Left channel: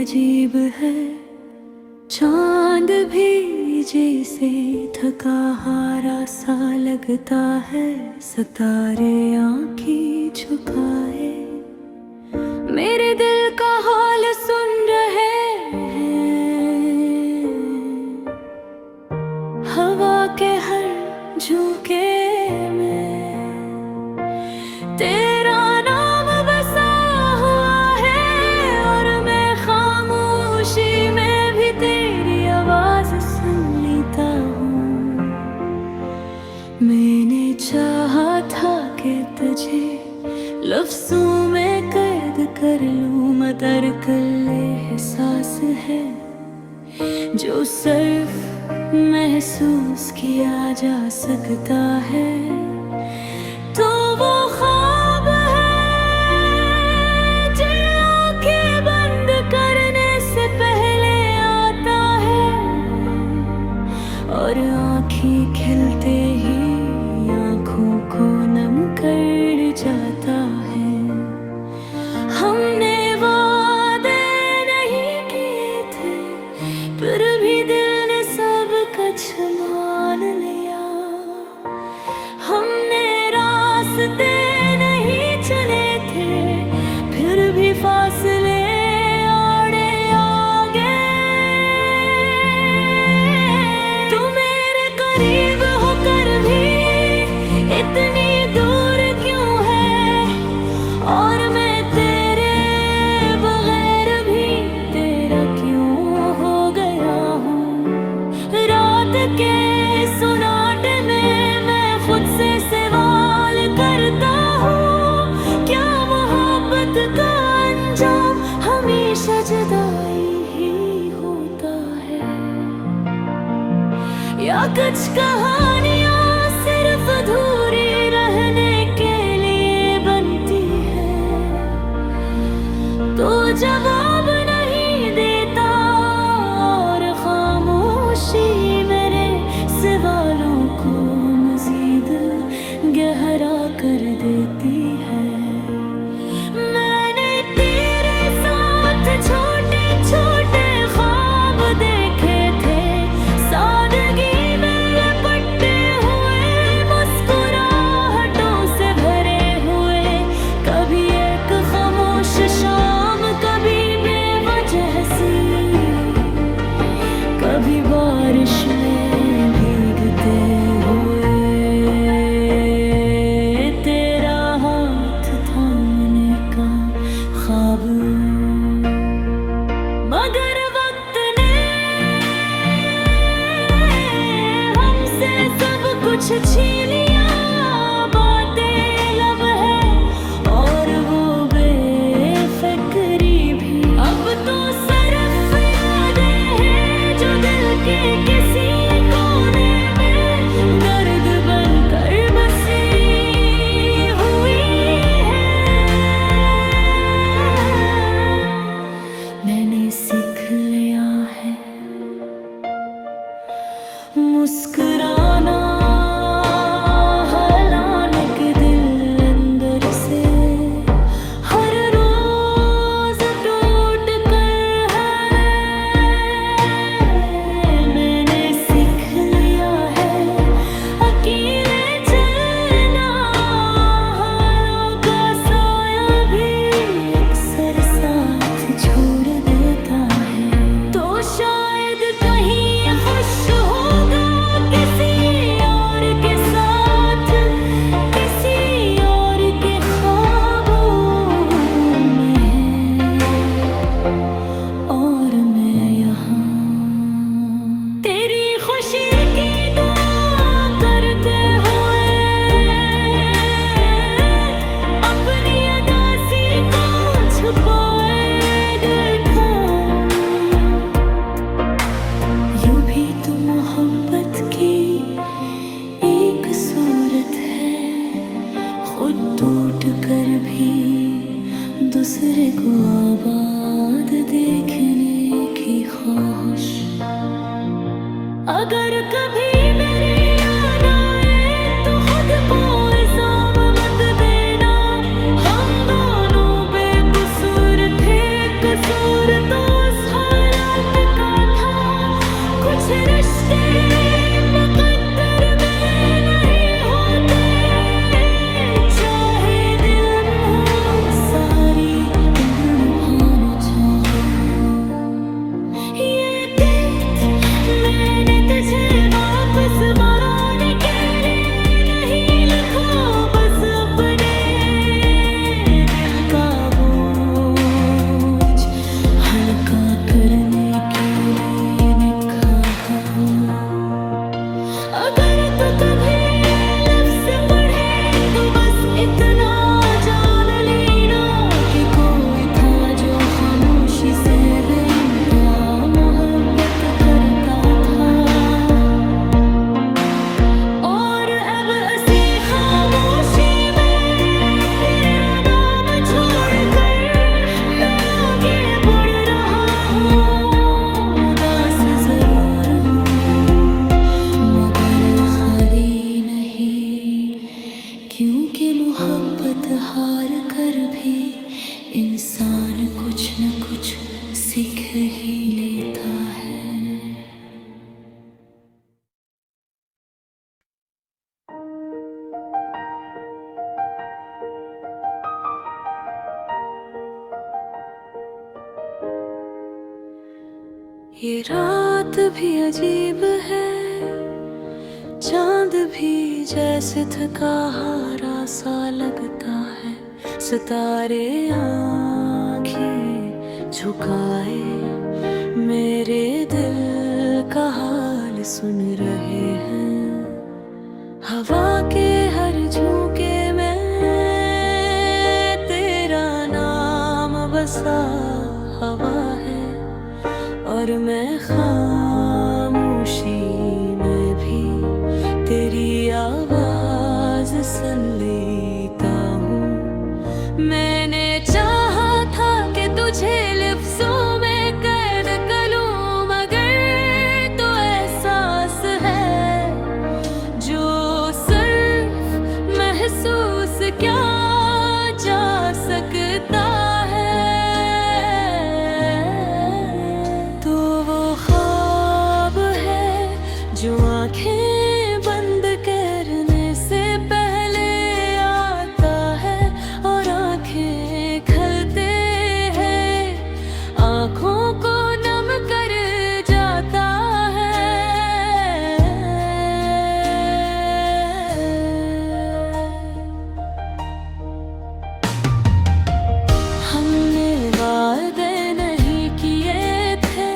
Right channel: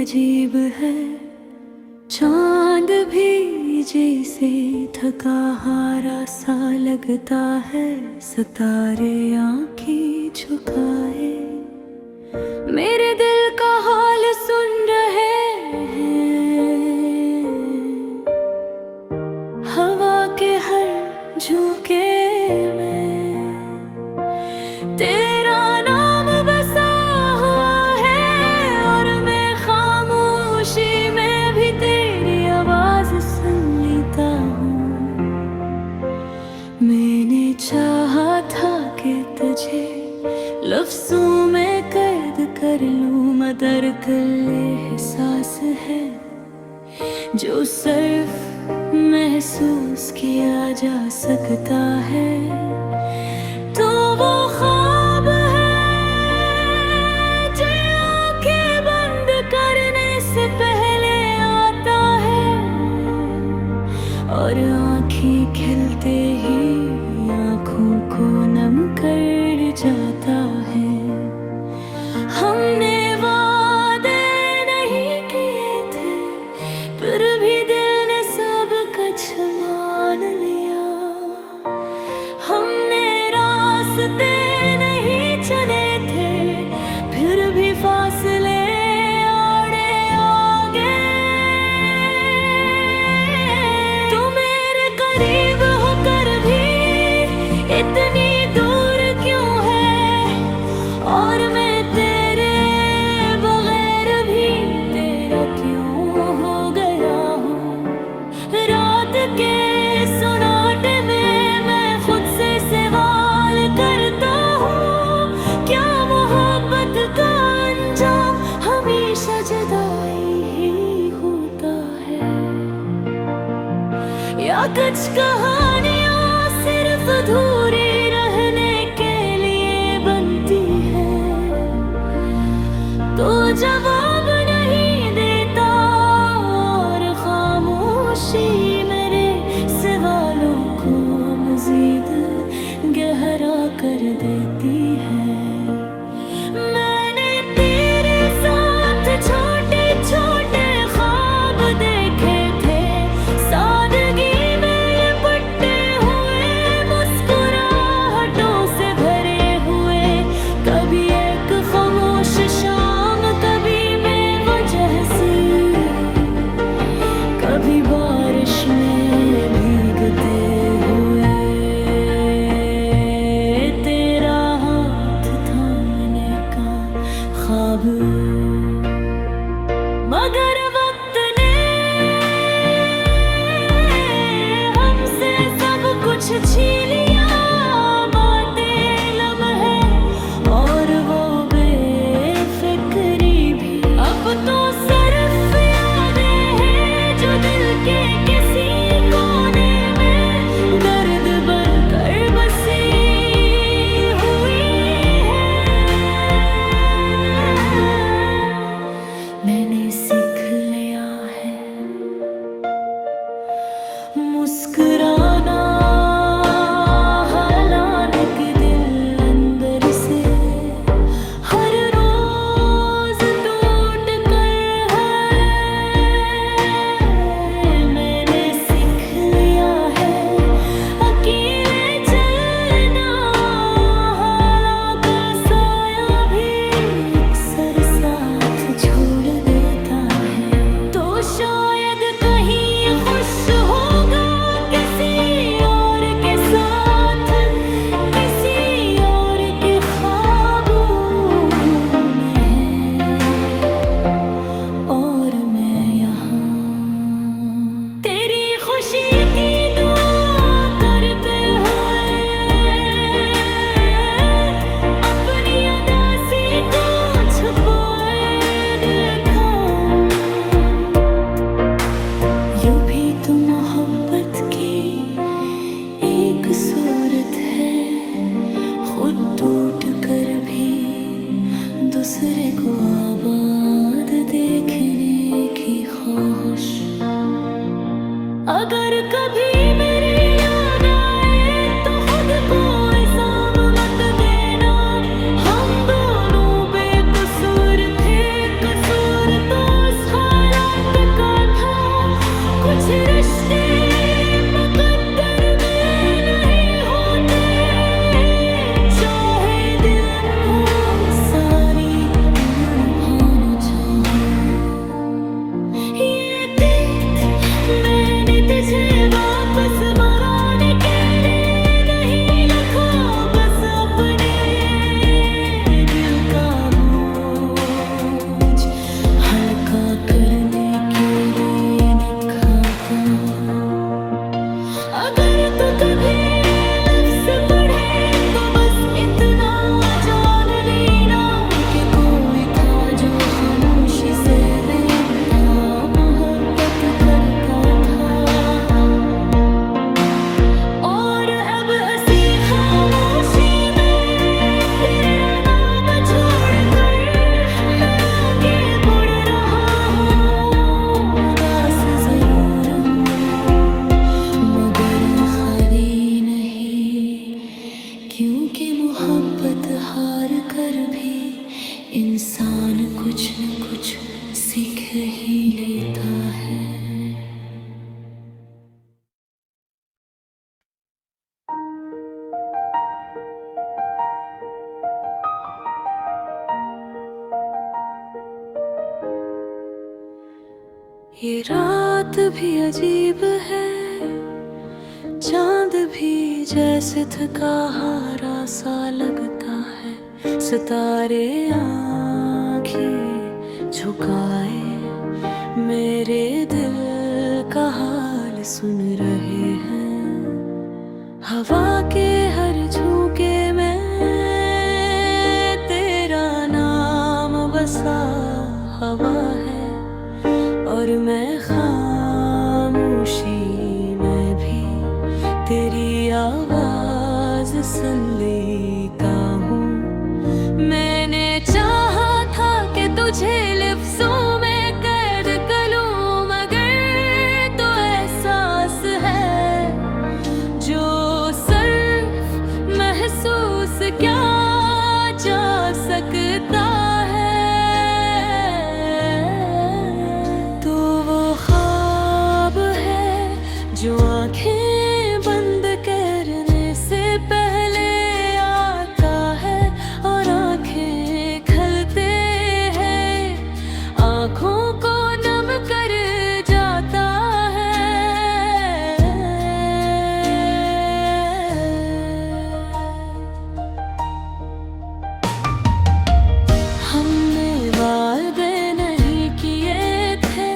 अजीब है, चांद भी जैसे थका हारा सा लगता है, सितारे आंखें झुकाए मेरे दिल का हाल सुन रहे हैं। हवा के हर झोंके में तेरा नाम बसा हुआ है, और मैं खामोशी में भी तेरी आवाज सुन लेता हूँ। मैंने चाहा था कि तुझे लफ्ज़ों में कैद कर लूँ, मगर कल एहसास है जो सिर्फ महसूस किया जा सकता है। तो वो ख्वाब है जो आंखें बंद करने से पहले आता है, और आंखें खिलते ही आंखों को नम कर जाता है। हमने वादे नहीं किए थे, फिर भी दिल ने सब कुछ मान लिया। हमने रास्ते नहीं चले थे, फिर भी फासले आड़े आ गए। तू मेरे करीब होकर भी इतनी दूर क्यों है, और मैं तेरे बगैर भी तेरा क्यों हो गया हूँ। रात के सुनाटे में मैं खुद से सवाल करता हूँ, क्या मोहब्बत का अंजाम हमेशा जुदाई ही होता है, या कुछ कहानियाँ सिर्फ अधूरी रहने के लिए बनती है। तो जवाब नहीं देता, और खामोशी मेरे सवालों को मजीद गहरा कर देती है। मैंने तेरे साथ छोटे छोटे ख्वाब देखे थे, सादगी में लपटे हुए, मुस्कुराहटों से भरे हुए। कभी एक खामोश शाम, कभी बेवजह सी, कभी बारिश में भीगते हुए। तेरा हाथ थामने का ख्वाब, मगर वक्त ने हमसे सब कुछ छीन लिया। बातें लम्हे और वो बेफिक्री भी, अब तो सिर्फ यादें हैं जो दिल के किसी कोने में दर्द बनकर बसी हुई है। मैंने सीख लिया है मुस्कुराना, हलान के दिल अंदर से हर रोज टूट कर है। मैंने सीख लिया है अकेले चलना, हालांकि साया भी अक्सर साथ छोड़ देता है। तो शायद कहीं खुश होगा किसी और के साथ, किसी और के ख्वाबों में है, और मैं यहाँ तेरी खुशी की दुआ करते हुए अपनी उदासी को छुपाए देखा। यूं भी तो मोहब्बत की एक सूरत है, खुद टूट कर भी दूसरे को आबाद देखने की ख्वाहिश। अगर कभी मेरी याद आए तो खुद को इल्जाम मत देना, हम दोनों बेकसूर थे, कसूर तो ये गीत मैंने तुझे वापस मनाने के लिए नहीं लिखा, बस अपने दिल का बोझ हल्का करने के लिए लिखा है। अगर तो कभी लफ्ज़ पढ़े तो बस इतना जान लेना कि कोई था जो खामोशी से बेइंतहा मोहब्बत करता था। और अब ऐसी खामोशी में तेरा नाम छोड़कर मैं आगे बढ़ रहा हूँ। उदास जरूर हूँ मगर खाली नहीं, क्योंकि मोहब्बत हार कर भी इंसान कुछ न कुछ सीख ही लेता है। ये रात भी अजीब है, चांद भी जैसे थका हारा सा लगता है। सितारे आँखें झुकाए मेरे दिल का हाल सुन रहे हैं। हवा के हर झोंके में तेरा नाम बसा हवा है, और मैं खामोशी में भी तेरी आवाज सुन लेता हूँ। मैंने चाहा था कि तुझे लफ्ज़ों में कैद कर लूं, मगर तो एहसास है जो सिर्फ महसूस क्या जा सकता है। तो वो ख्वाब है जो आंखें बंद करने से पहले आता है, और आंखें खलते हैं आंखों को नम कर जाता है। हमने वादे नहीं किए थे,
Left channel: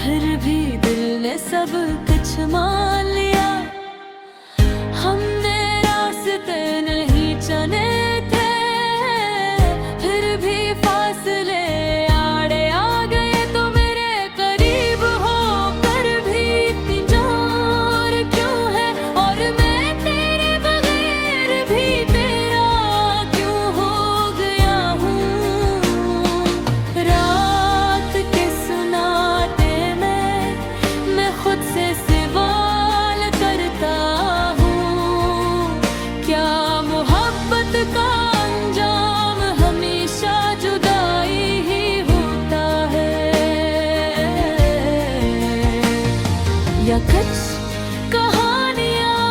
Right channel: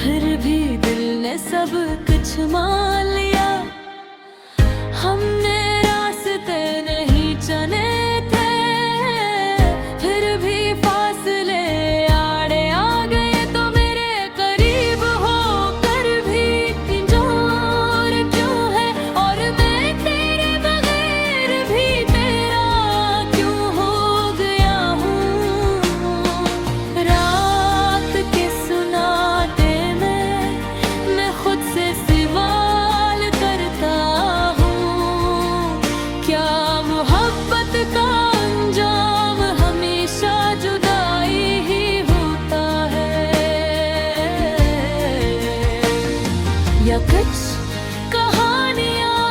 फिर भी दिल ने सब कुछ मान लिया। हमने रास्ते नहीं चुने थे, फिर भी फासले आड़े आ गए। तो मेरे करीब हो कर भी पिंजौर क्यों है, और मैं तेरे बगैर भी तेरा क्यों हो गया हूँ। रात के सुनाटे में मैं खुद से सवाल करता हूँ, क्या मोहब्बत का अंजाम हमेशा जुदाई ही होता है, या कुछ कहानियाँ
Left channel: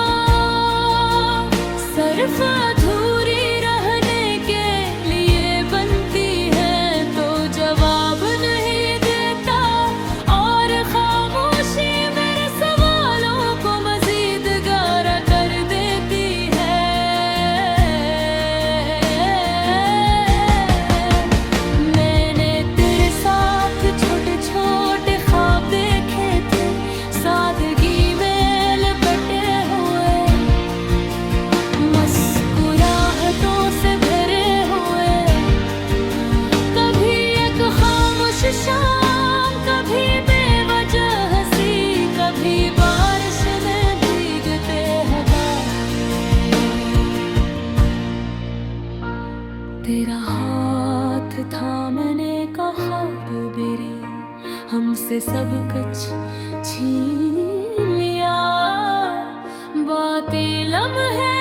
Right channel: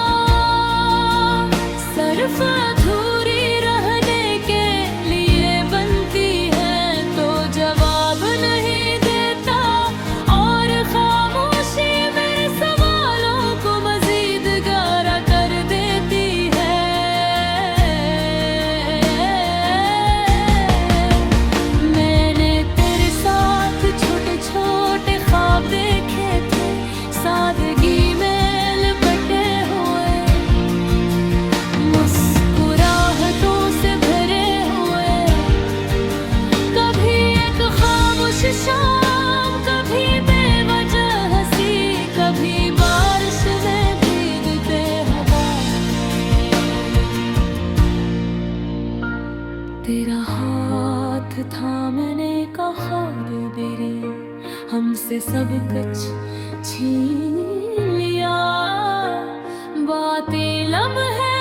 सिर्फ अधूरी रहने के लिए बनती है। तो जवाब नहीं देता और खामोशी मेरे सवालों को मजीद गारा कर देती है। मैंने तेरे साथ छोटे छोटे ख्वाब देखे थे, सादगी में लिपटे हुए, मुस्कुराहटों से भरे हुए। कभी एक खामोश शाम, कभी बेवजह हंसी, कभी बारिश में भीगते हवाएं। तेरा हाथ थामने का ख्वाब बेरी हमसे सब कुछ छीन लिया। बातें लम्हे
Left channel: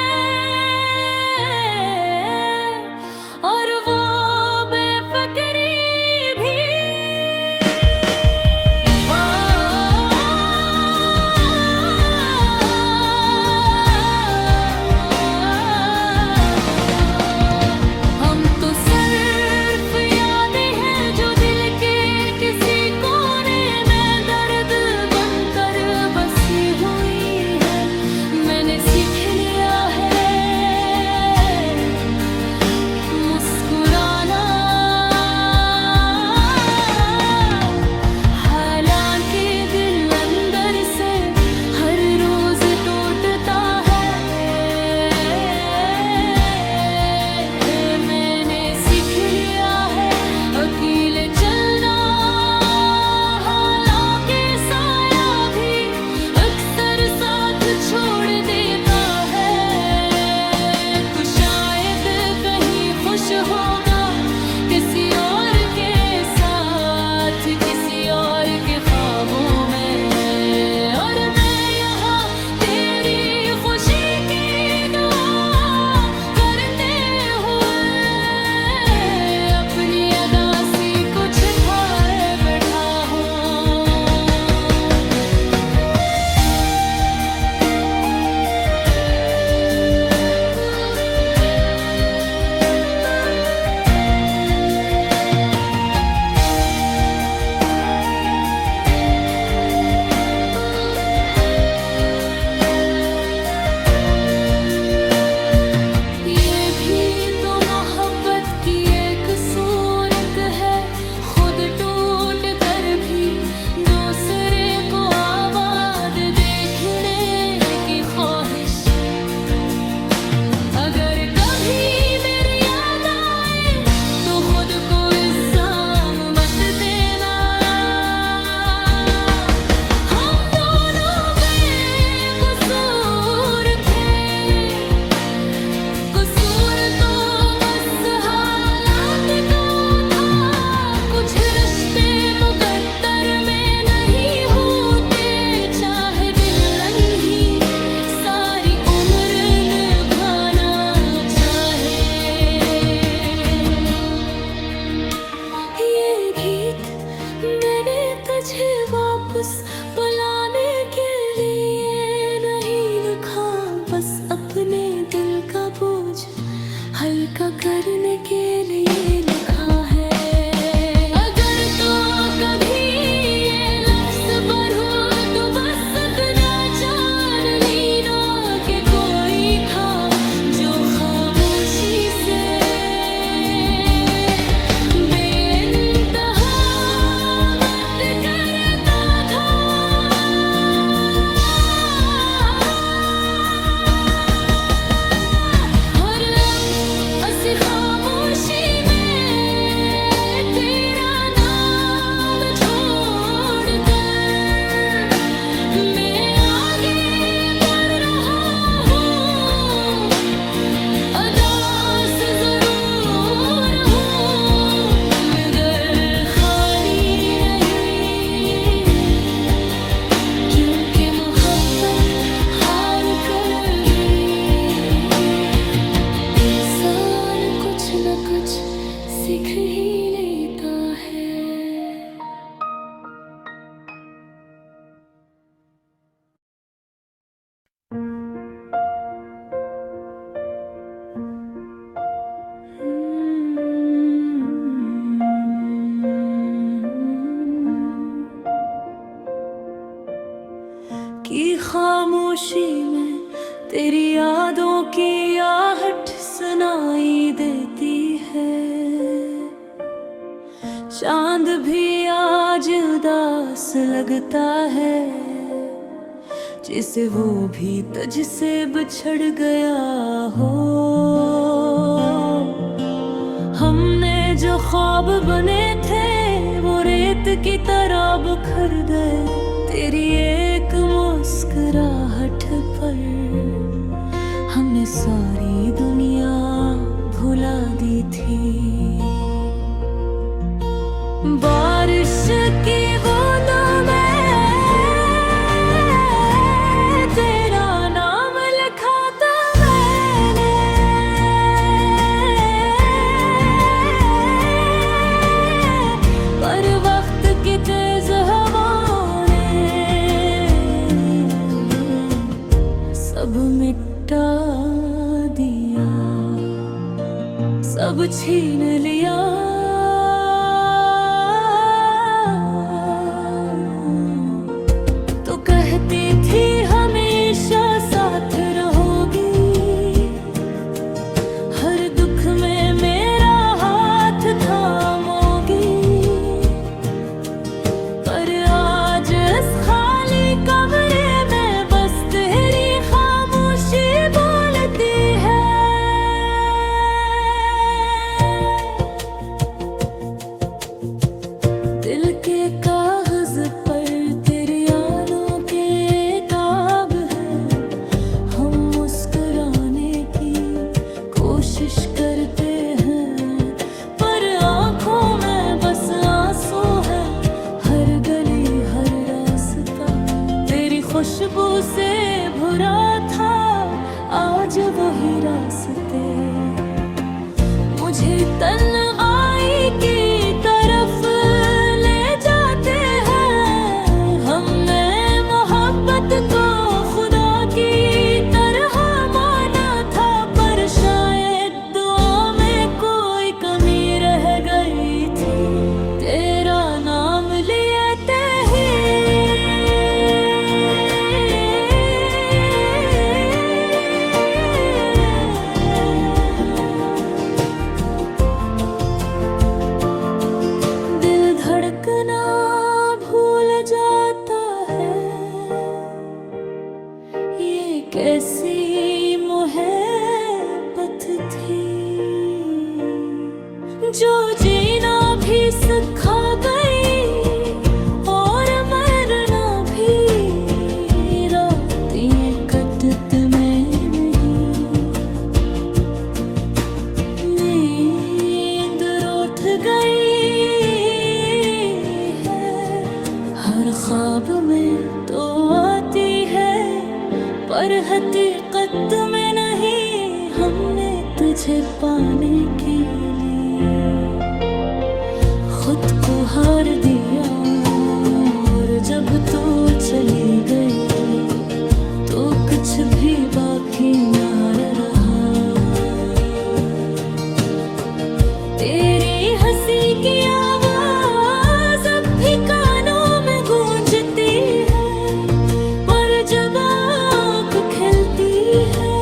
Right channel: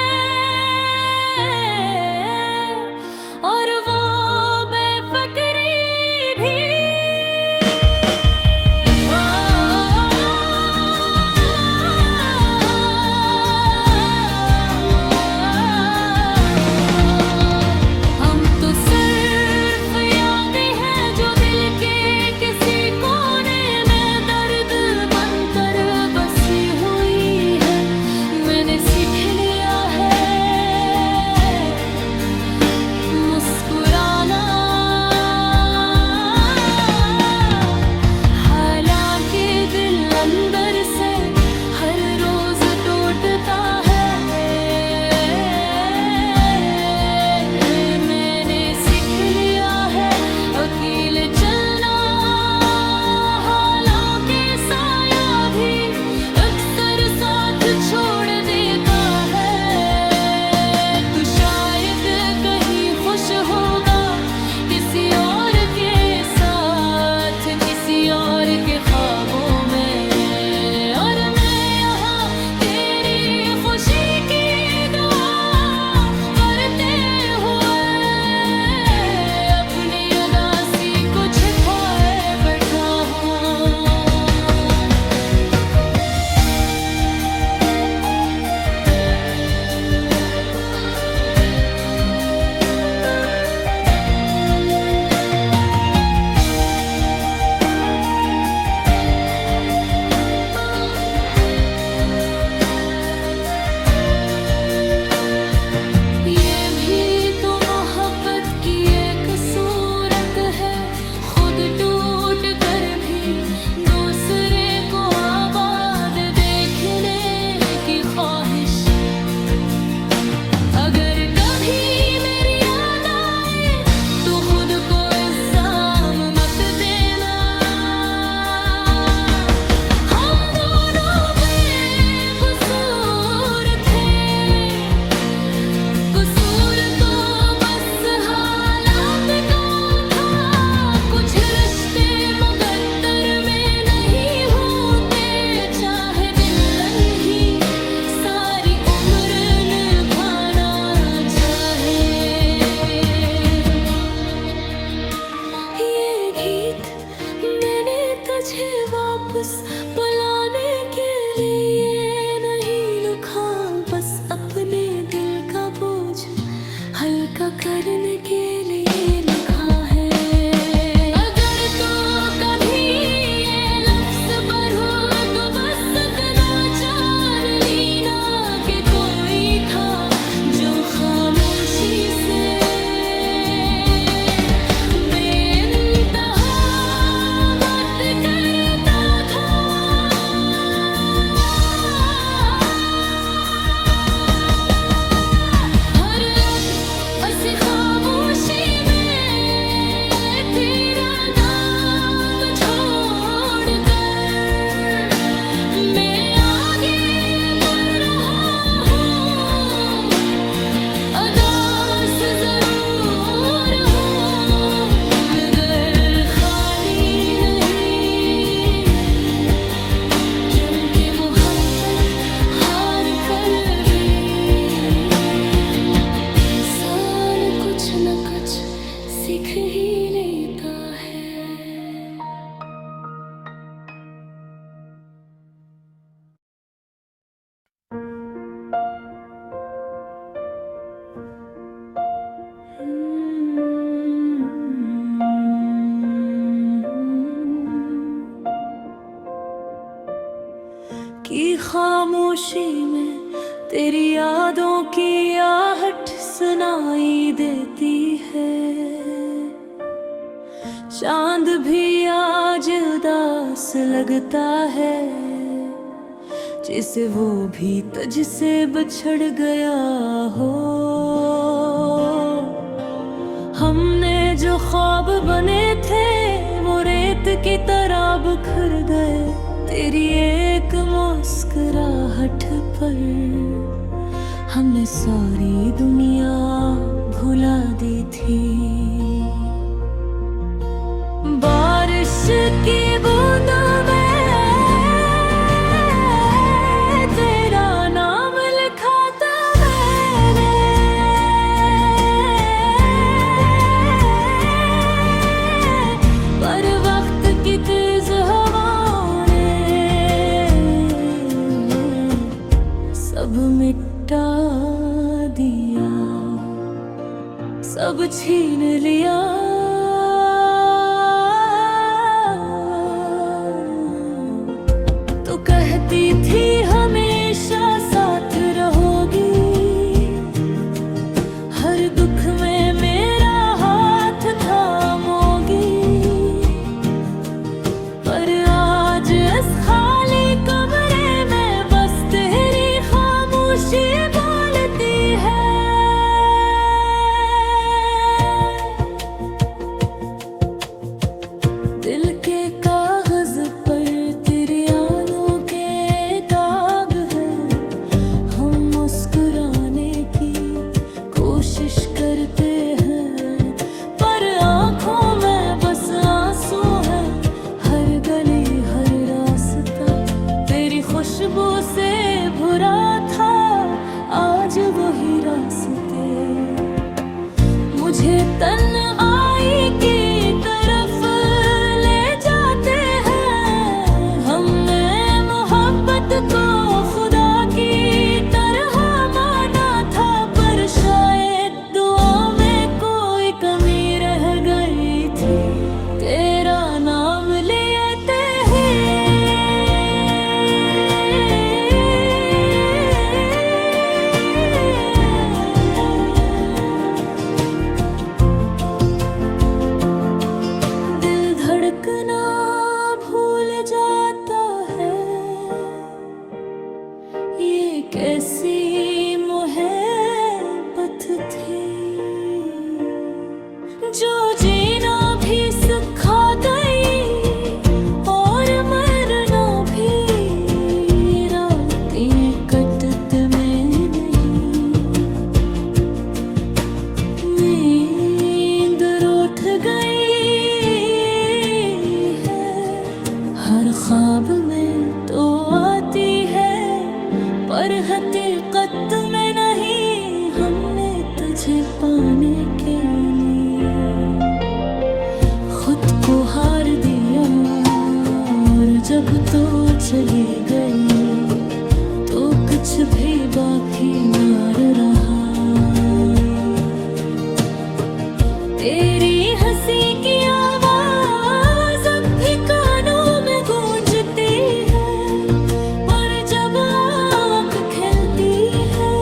और वो बेफिक्री भी, हम तो सिर्फ यादें हैं जो दिल के भर के ख्वाबों में। और मैं यहाँ तेरी खुशी की दुआ करते हुए अपनी अदासी को छिपाए बैठा हूँ। ये भी तो मोहब्बत की एक सूरत है, खुद टूट कर भी दूसरे को आबाद देखने की ख्वाहिश। अगर कभी मेरी याद आए तो खुद को इल्जाम मत देना। हम दोनों बेकसूर थे, कसूर तो बस हालात का था। कुछ रिश्ते मुकद्दर में नहीं होते, चाहे दिलन ही सारी उम्र निभाना चाहे। ये गीत मैंने तुझे वापस बुलाने के लिए नहीं लिखा, बस अपने दिल का बोझ हल्का करने के लिए लिखा है। अगर तो कभी ये लफ्ज़ पर हो तो बस इतना जान लेना कि कोई था जो खामोशी से बेइंतहा बात करता था। और अब ऐसी खामोशी में तेरा नाम छोड़कर मैं आगे बढ़ रहा हूँ। अदास जरूर हूँ मगर खाली नहीं, क्योंकि मोहब्बत हार कर भी इंसान कुछ न कुछ सीख ही लेता है। कि खामोशी में तेरी यादों की आहट सुनाई देती है। चांद भी आज उदास लगता है, जिसे वो भी तुझसे बिछड़ गया हो। हमने जो ख्वाब बने थे वो रेत की तरह बिखर गए तेरी एक मुस्कुराहट पर। हमने सारी दुनिया भुला दी थी। बारिश की बूंदों में तेरा नाम लिखा था मैंने। पर वक्त की तेज हवाओं ने सब मिटा दिया, सब छीन लिया। तो कहती थी हमेशा साथ रहोगी, हर दुख में मेरा हाथ थामोगी। पर आज इस खाली कमरे में बस तेरी खामोशी बोलती है। दिल के कागज पर तेरी आलों के ताब है। हम मुस्कुराने की कोशिश करते हैं, पर आंखों में बस आंसू है। हर गली खुशबू से भरा था आज वही रास्ते मुझे तन्हाई की तरफ ले जाते हैं। हमने मोहब्बत को खुदा की तरह माना था, पर शायद दुआ में कोई कमी रह गई थी। तेरा नाम लेते ही दिल धड़कना भूल जाता है। ये कैसी मोहब्बत थी जो जीना भी सिखा गई और मरना भी। रातें कटत में नहीं, नींद रूठ गई है। हर ख्वाब में तो आती है पर हकीकत में नहीं। हमने तुझे पाने के लिए खुद को हार दिया, और जब तो चली गई तो कुछ भी बाकी ना रहा। तेरी हंसी की आवाज अब भी कानों में गूंजती है, पर जब आँख खिलती है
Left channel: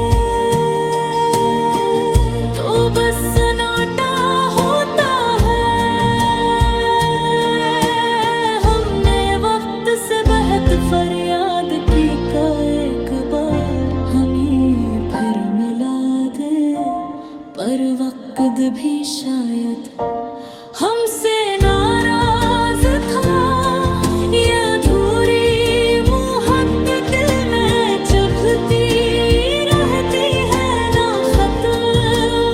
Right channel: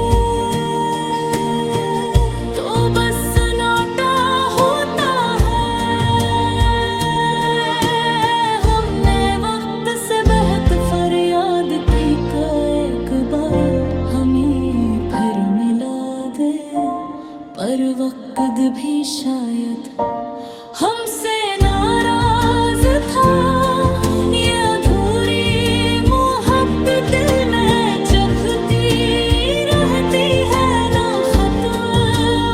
तो बस सन्नाटा होता है। हमने वक्त से बहुत फरियाद की कि एक बार हमें फिर मिला दे, पर वक्त भी शायद हमसे नाराज था। ये अधूरी मोहब्बत दिल में चुभती रहती है, ना खत्म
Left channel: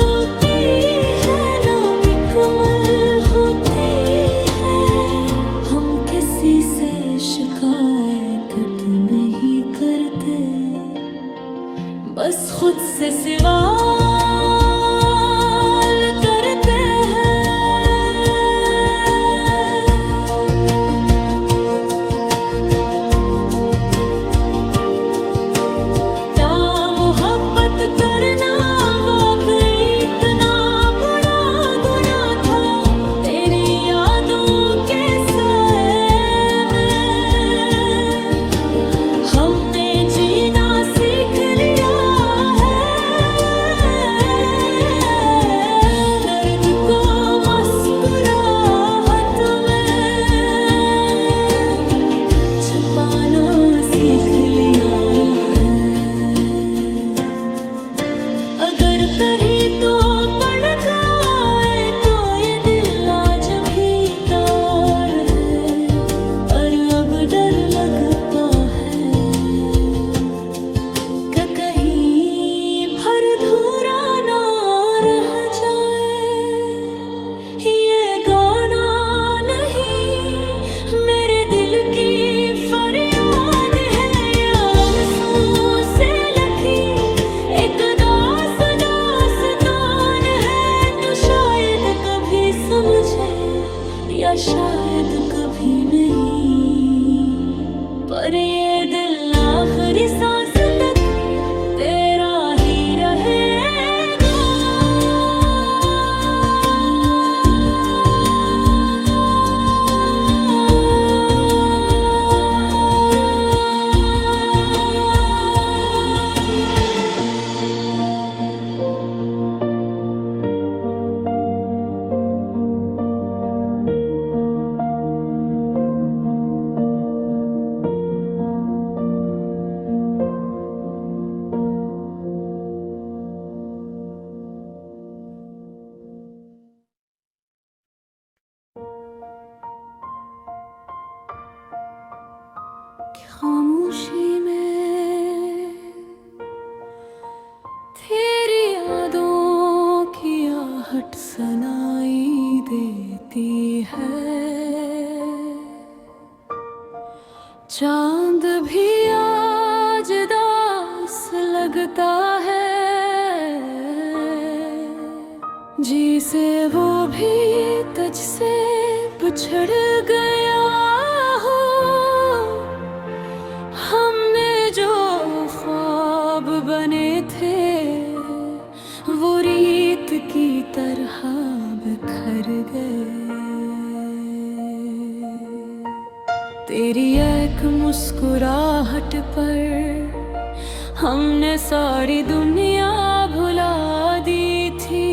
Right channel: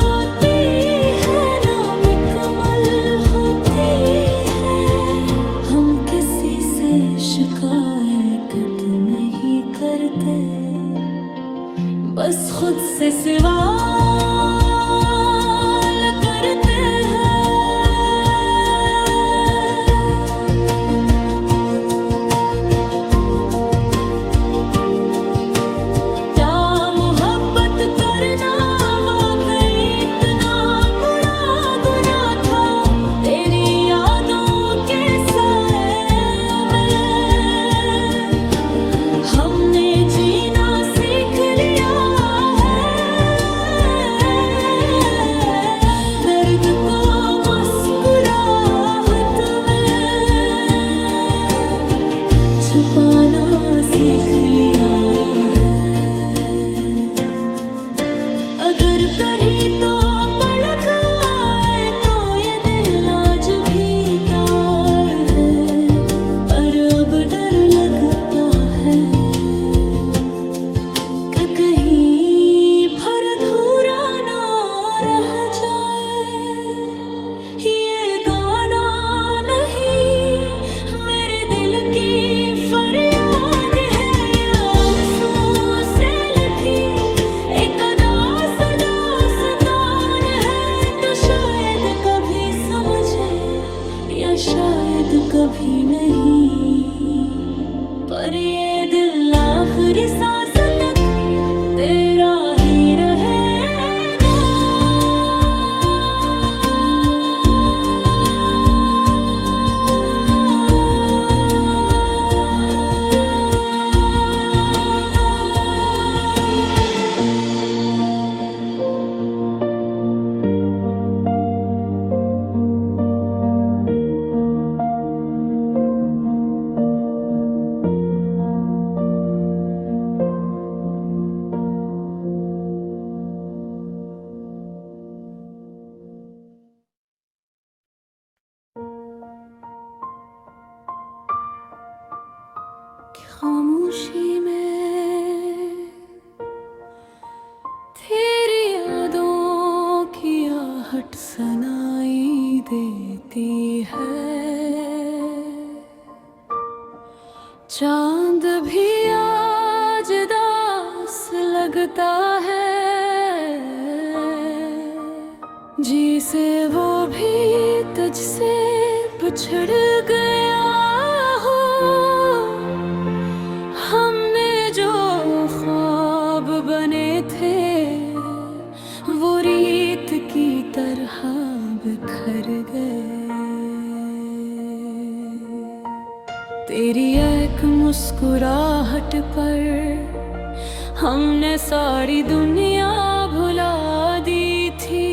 होती है ना मुकम्मल होती है। हम किसी से शिकायत नहीं करते, बस खुद से सवाल करते हैं। क्या मोहब्बत करना वाकई इतना बुरा गुनाह था? तेरी यादों के साए में हमने जीना सीख लिया है। दर्द को मुस्कुराहट में छुपाना सीख लिया है। अगर कहीं तो पलक आए तो ये दिल आज भी तार है, पर अब डर लगता है कि कहीं भर धूरा ना रह जाए। ये गाना नहीं मेरे दिल की फरियाद है, ये आंसू से लगी एक दास्तान है। तो शायद कभी समझे या शायद कभी नहीं, पर ये दिल आखिरी सांस तक तेरा ही रहेगा। खामोशी में तेरी यादों की आहट सुनाई देती है। चांद भी मांगता है, जी से वो भी तुझसे बिछड़ गया हो। हमने जो ख्वाब बने थे वो रीत की तरह बिखर गए। तेरी एक मुस्कुराहट पर हमने सारी दुनिया भुला दी थी।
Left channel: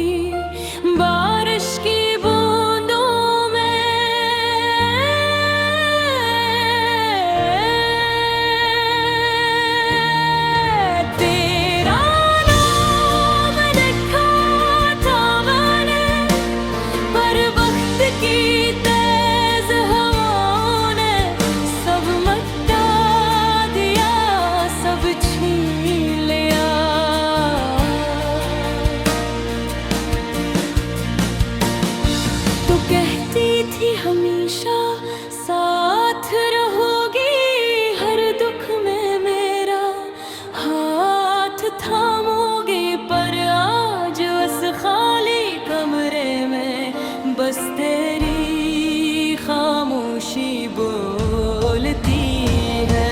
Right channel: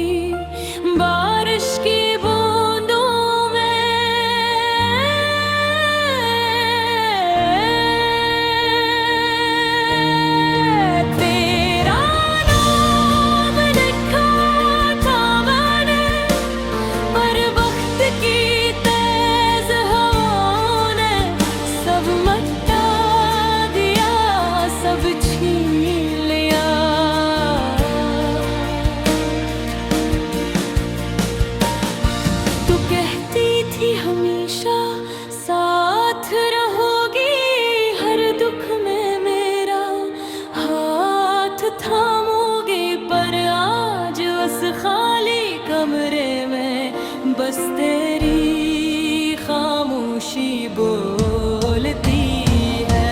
बारिश की बूंदों में तेरा नाम लिखा था मैंने, पर वक्त की तेज हवाओं ने सब मिटा दिया, सब छीन लिया। तो कहती थी हमेशा साथ रहोगी, हर दुख में मेरा हाथ थामोगे। पर आज उस खाली कमरे में बस तेरी खामोशी बोलती है।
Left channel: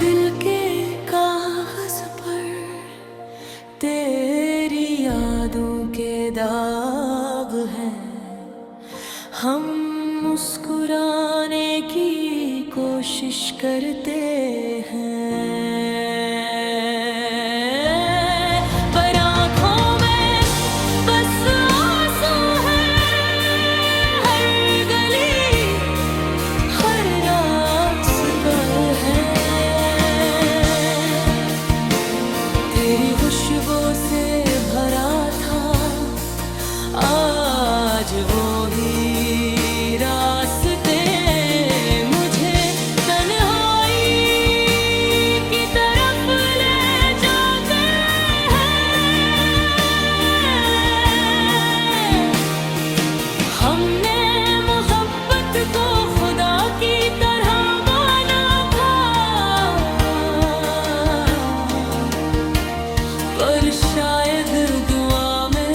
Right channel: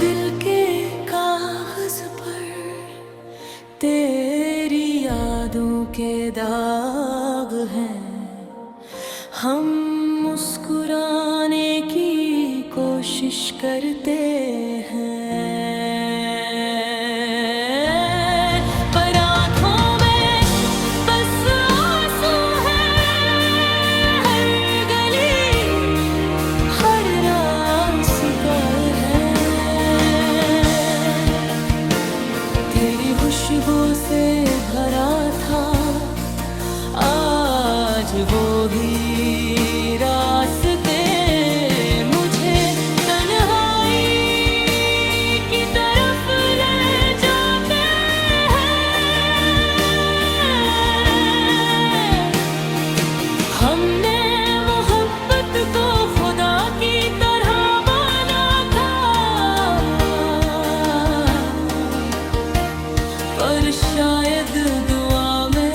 दिल के कागज पर तेरी यादों के दाग हैं। हम मुस्कुराने की कोशिश करते हैं, पर आँखों में बस आंसू हैं। हर गली हर रास्ता है तेरी खुशबू से भरा था। आज वो ही रास्ते मुझे तन्हाई की तरफ ले जाते हैं। हमने मोहब्बत को खुदा की तरह माना था, पर शायद दुआ में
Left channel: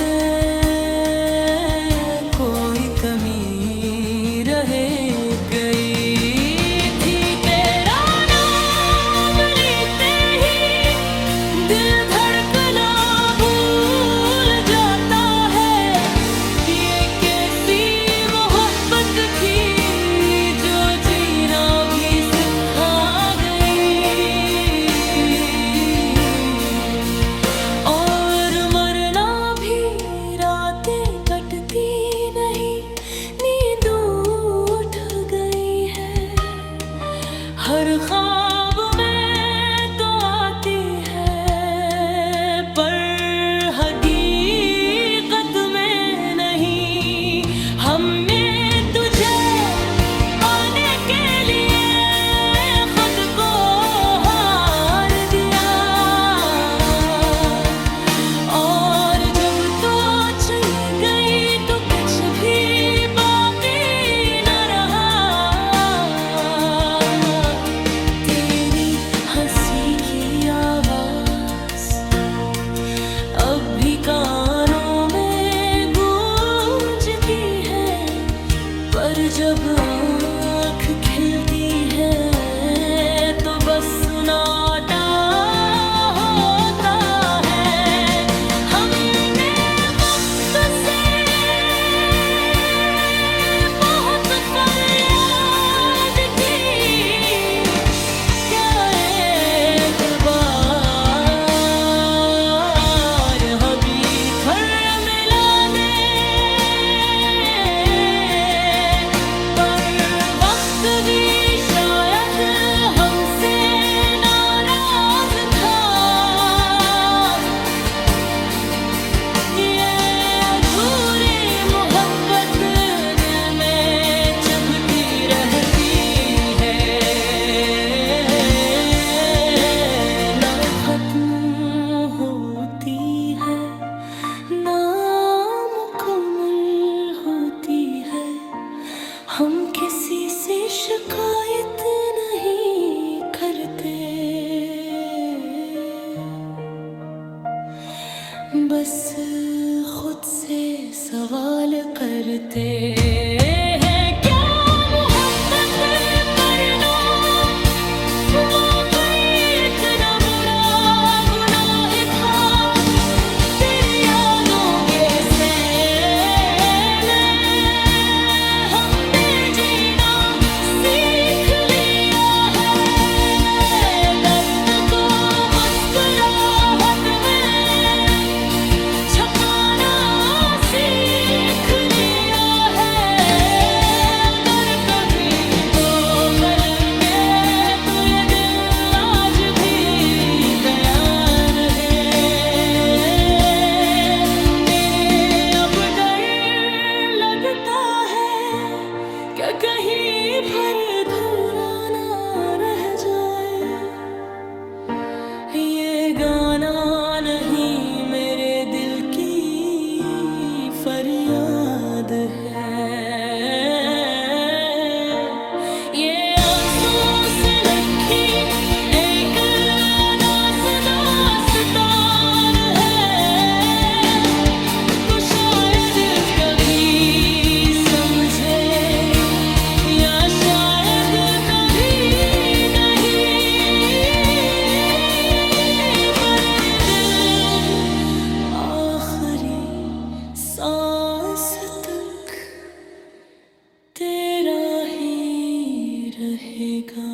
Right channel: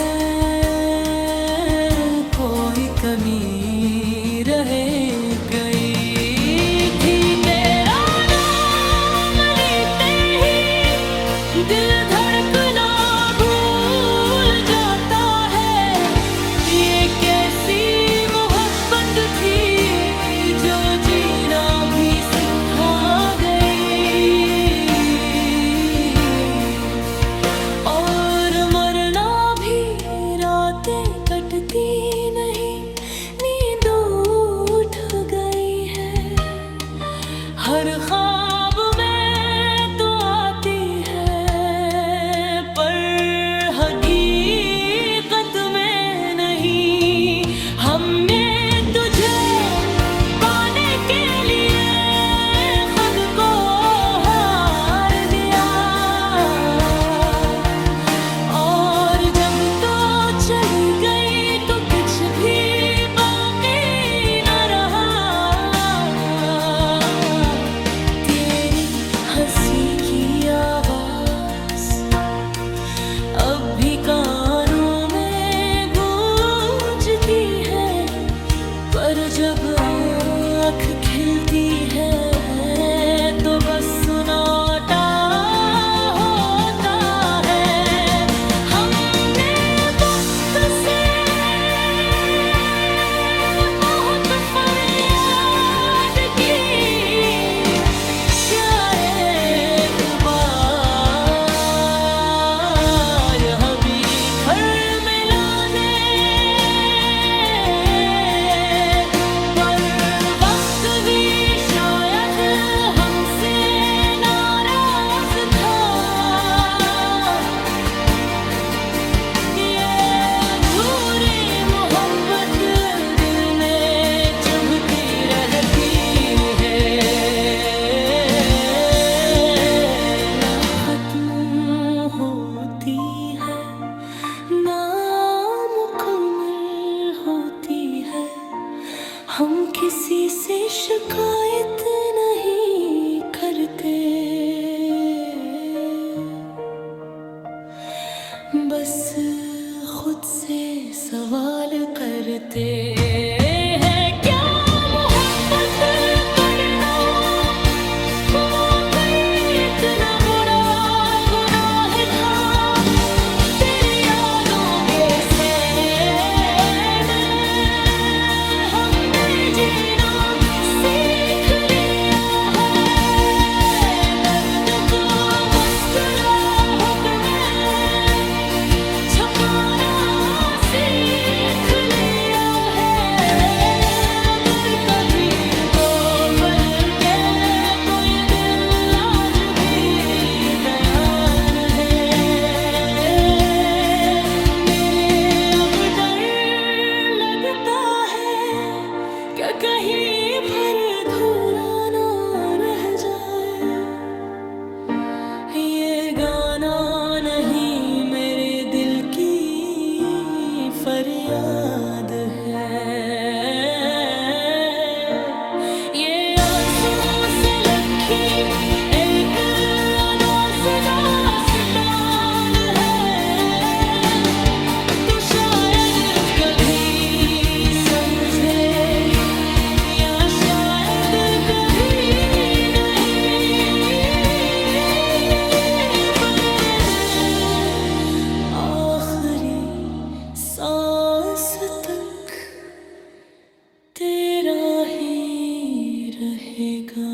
कोई कमी रह गई थी। तेरा नाम लेते ही दिल धड़कना भूल जाता है। ये कैसी मोहब्बत थी जो जीना भी सिखा गई, और मरना भी रातें कटती नहीं, नींद उठ गई है। हर ख्वाब में तो आती है, पर हकीकत में नहीं। हमने तुझे पाने के लिए खुद को हार दिया, और जब तो चली गई तो कुछ भी बाकी न रहा। तेरी हंसी की आवाज अब भी कानों में गूंजती है, पर जब आँख खिलती है तो बस सुनाटा होता है। हमने वक्त से बहुत फरियाद की, क्या एक बार हबीब फिर मिला दे। पर वक्त भी शायद हमसे नाराज किसी से शिकायत नहीं करते, बस खुद से सवाल करते हैं, क्या मोहब्बत करना वाकई इतना बुरा गुनाह था। तेरी यादों के सैर में हमने जीना सीख लिया है, दर्द को मुस्कुराहट में छुपाना सीख लिया है। अगर कभी तो पल गए तो ये दिल आज भी दयान है। मेरे अब डर लगता है कि कहीं भर अधूरा ना रह जाए। ये गाना नहीं मेरे दिल की फरियाद है, ये आंसू से लखी एक अनास दास्तान है। तो शायद कभी समझे या शायद कभी नहीं, पर ये दिल आखिरी सांस तक तेरा ही रहेगा।